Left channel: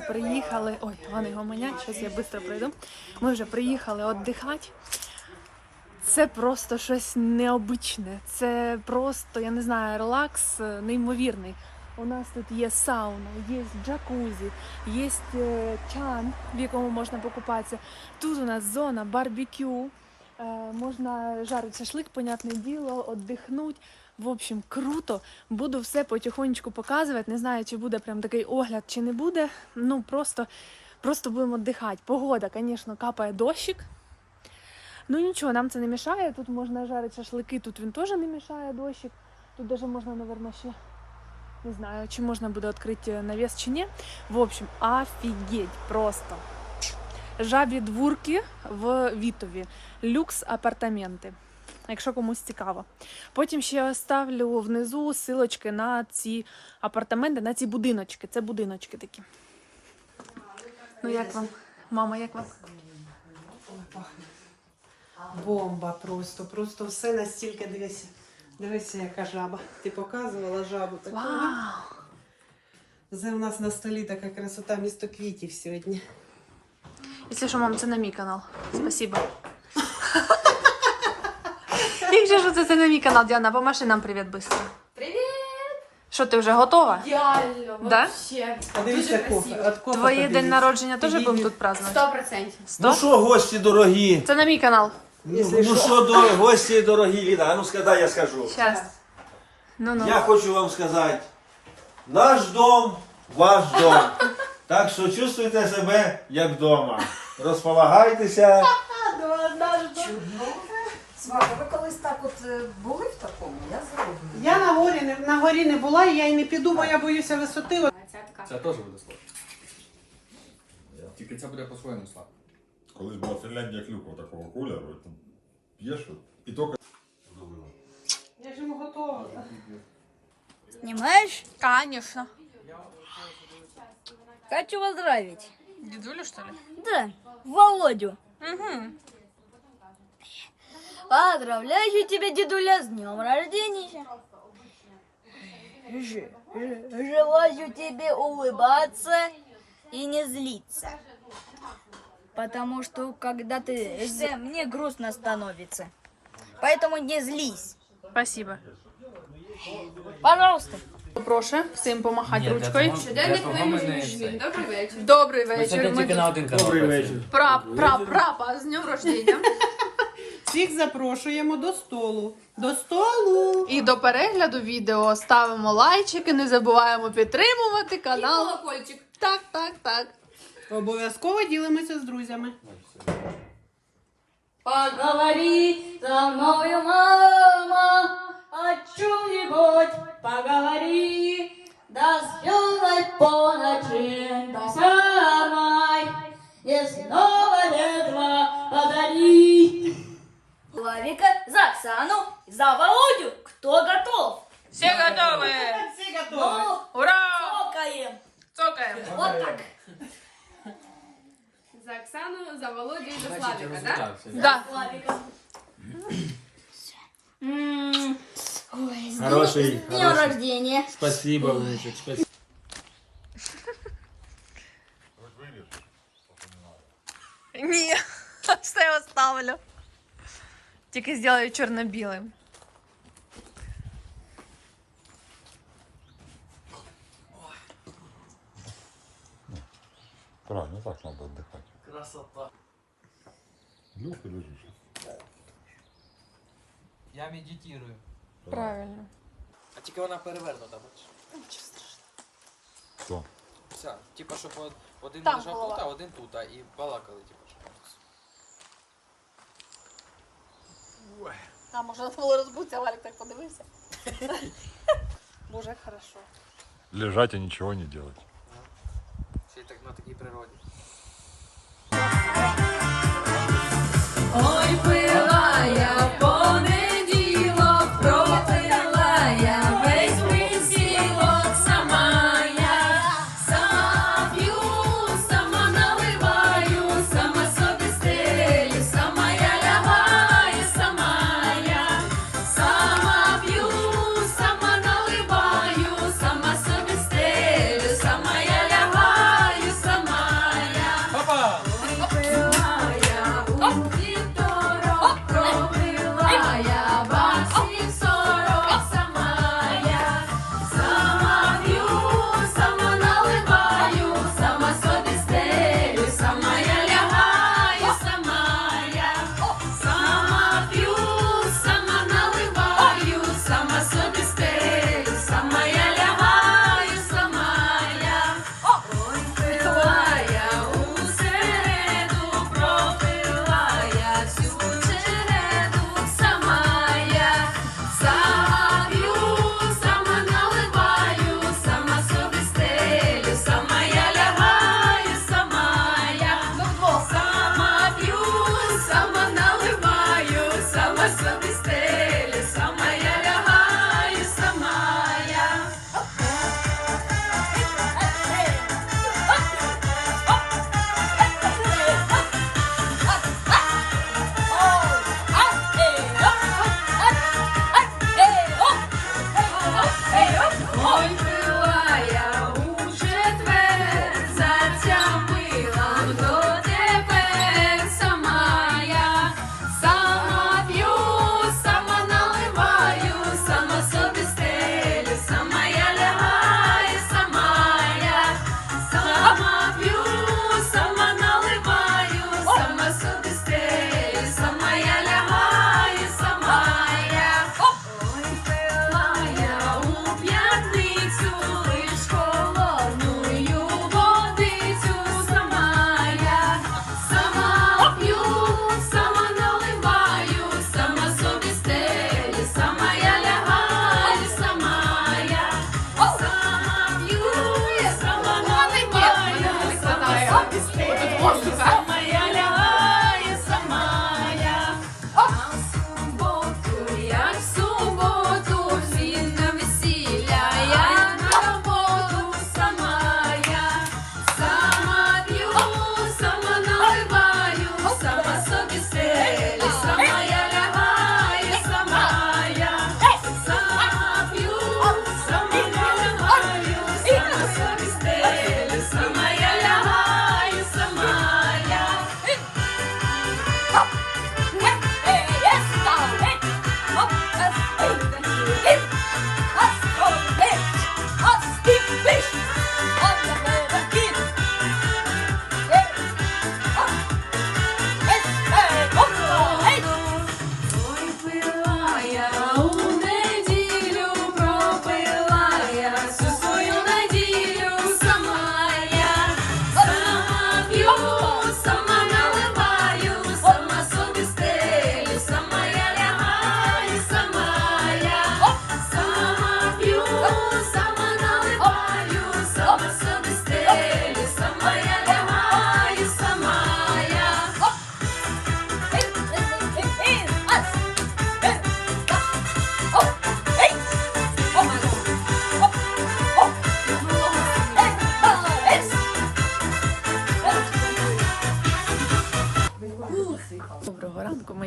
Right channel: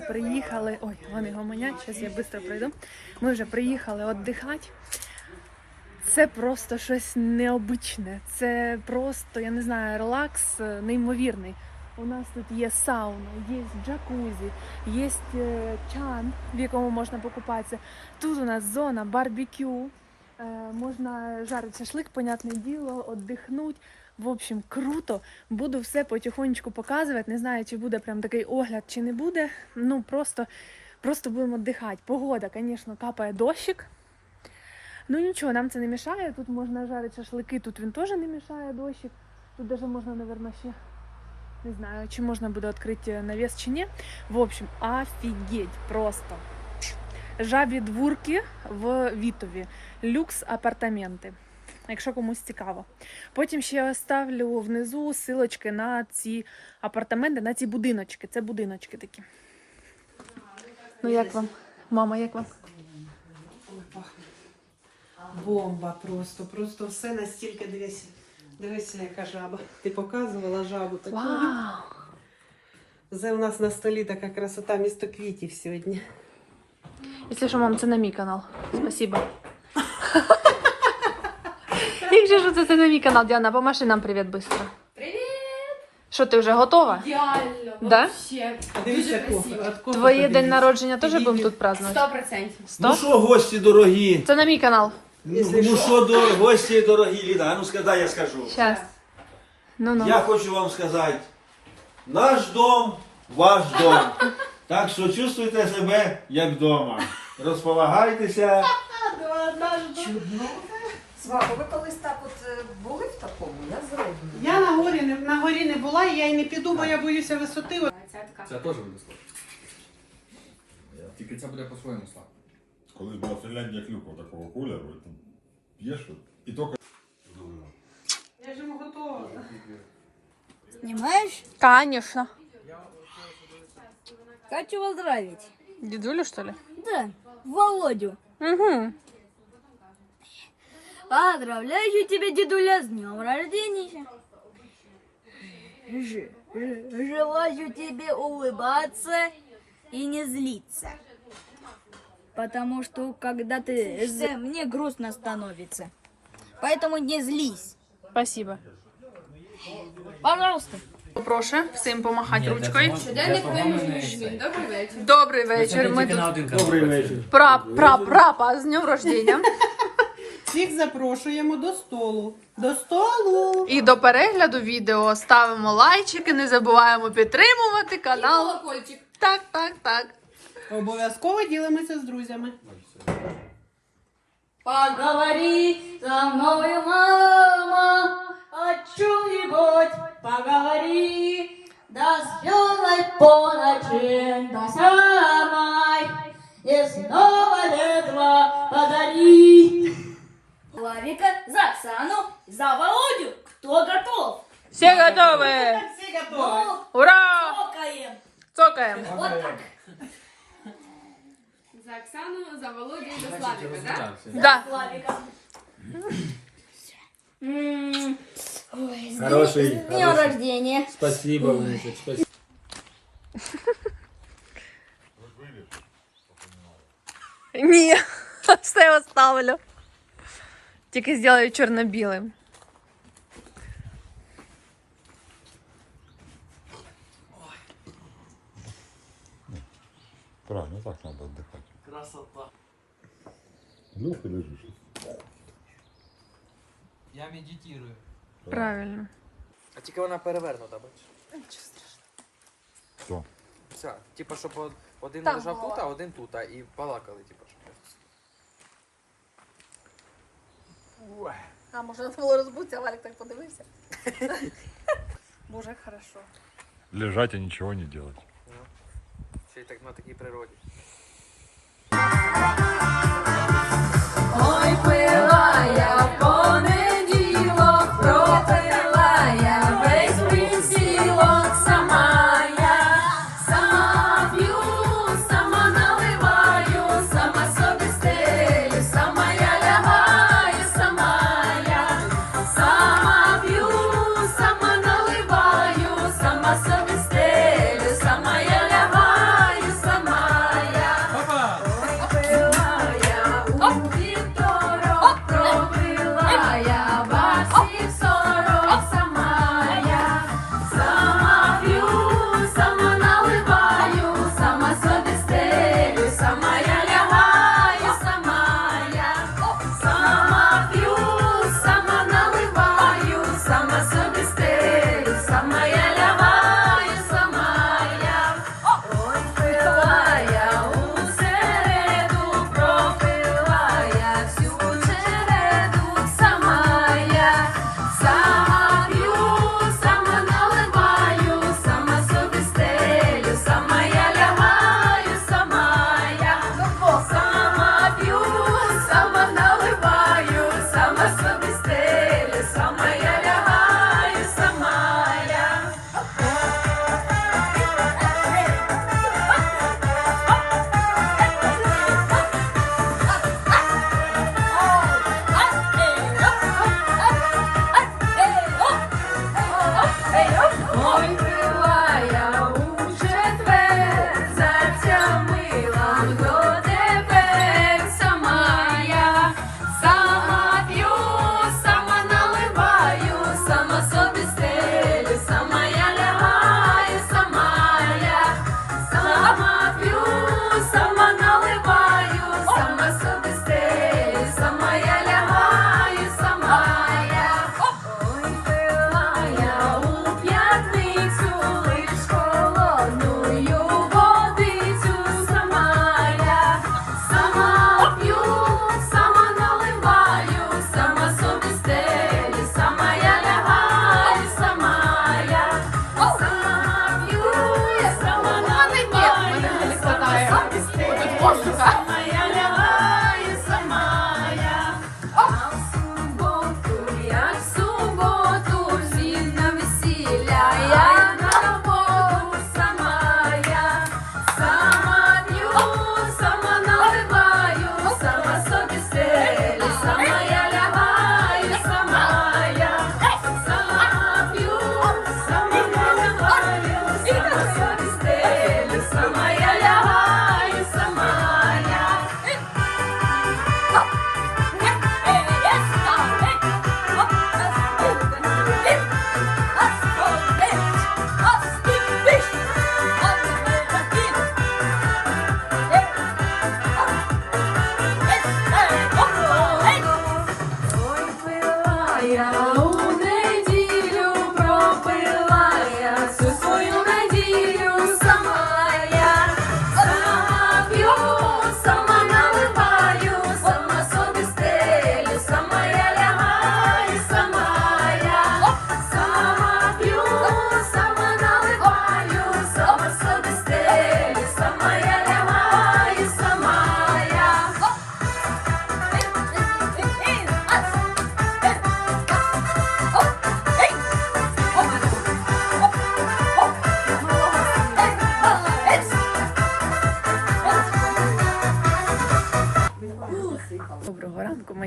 вже приїхали. Ой, поганий гомоняк, зараз я швидко пройду. Ми вже приїхали віддихати. Це просто щось необичне. Це просто, я не знаю, релакс е, неймовірний. У нас тут є сауна, є джакузі, є е, чан, в якому можна покупатися. Тут у нас зона барбекю. Е, Можна жарити шашлик, понятне діло, віддихнути. В общем, круто. Буду все потихонечку показувати. Не знаю, чи буде прям такий огляд, чи не буде. Ну просто, просто будемо віддихати. Погода, звісно, капає дощик. Ну нічого, нам це не мішає. Тут можна жарити шашлики, тут він теж не мішає дощик. Тут даже можна, мабуть, ще не знаю, чи можна буде відкрити навіс чи ні. В общем, офігеть просто. Жабі дворки в Вітові. Люкс апартаменти. Якщо комусь цікаво. Потім ще оставлю внизу силочки на ці апартаменти, на ці будиночки. Це будиночки такі. Ну як вам? Мама, як вам? Бомба просто, просто все настільки дивися. Дивися, яка жаба. Ти показувала жабу таку. Вау! Це у нас на столі така красота місто квітів сьогодні. Якщо що, мам, це на мій канал. Спасибо. Якщо що, це, це на мій канал, Діана, помаши нам привіт швидко. Привіт! Що, ти вже готова? Ідеально, Да? вообще. Дуже красиво. Твоє день народження теж будемо тут празднувати? Сто процентів. Ну що, гості дорогі? Це на мій канал. Ну ну що, до, гості дорогі, Ліна, а ну скажи, я скажу. Щас. Ну ну. Я хочу вам сказати, наш дом, ваш дом. Так що чувствуйте себе як вдома. Розполагайтеся. Чудно. Свако, ви колись так от е, були в такому? Я зроблю. Я на горі, не, на горі не була, і я й не піду, бо я боюся висоти. Ця така. Це теж буде сладко. Тільки це буде по-своєму сладко. Колись була Фінляндія клюква такого кольору, і там п'єш от, і тільки Я ж йому готова. Снимаешь? Конечно. Хочу поздравить. Дідулю, що ли? Да, Володю. Угу. Поздравляю тебя, дедуля, с днем рождения. Желаю тебе улыбаться и не злиться. Потому что когда ты мне грустно становится. Поэтому не злись. Спасибо. Пожалуйста. Прошу всім помахати ручкою. Щоденник вимушений жмін. Добрий вечір. Добрий вечір. Ми тут Добрий вечір. пра, пра, прапа з днем рождення. Всіх запрошуємо до столу. До столу! І до перегляду відео ставимо лайчики, не забуваємо підтримувати І канал. колокольчик. Так, так, так. Обов'язково ділимося з друзями. Поговори со мною, мама, за Володю і за Славіка, так? Да. Славика. М, Ой, с днем- Хороший, с днем хороший. рождения. Спасибо, внучек. Спасибо. Ні, все я оставлю. Тільки зроблю чорно-білим. правильно так треба віддихати. Красота. Люх лежиш. Я медитирую. Правильно. А тільки вона перевернута, бачиш? Хто? Вся. Типа, щоб од- один Там лежав голова. тут, а один тут, а і балакали, типа, щоб. А може треба було розбутися, а Валік так подивився. Боже, як хорошо. Лежать і нічого не робити. Ще й так на такій природі.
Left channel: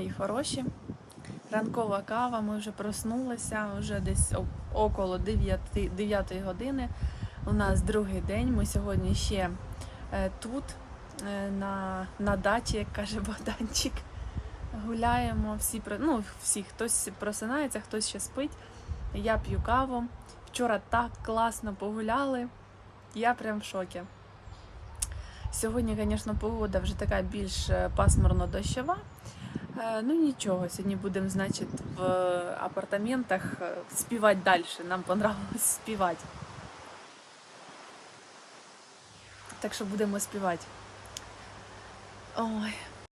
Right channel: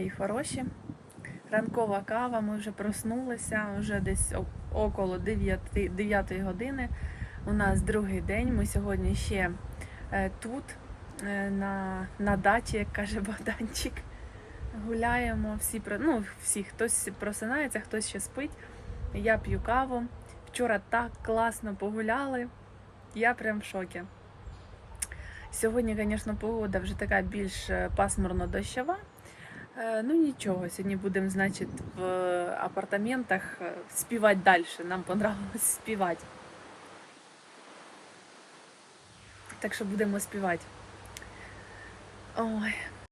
Мої хороші. Ранкова кава, ми вже проснулися, вже десь около 9, 9 години. У нас другий день. Ми сьогодні ще е, тут, е, на, на дачі, як каже Богданчик. Гуляємо, всі ну, всі, хтось просинається, хтось ще спить. Я п'ю каву. Вчора так класно погуляли. Я прям в шокі. Сьогодні, звісно, погода вже така більш е, пасмурно-дощова. Е, Ну нічого, сьогодні будемо, значить, в апартаментах е, співати далі. Нам понравилось співати. Так що будемо співати. Ой,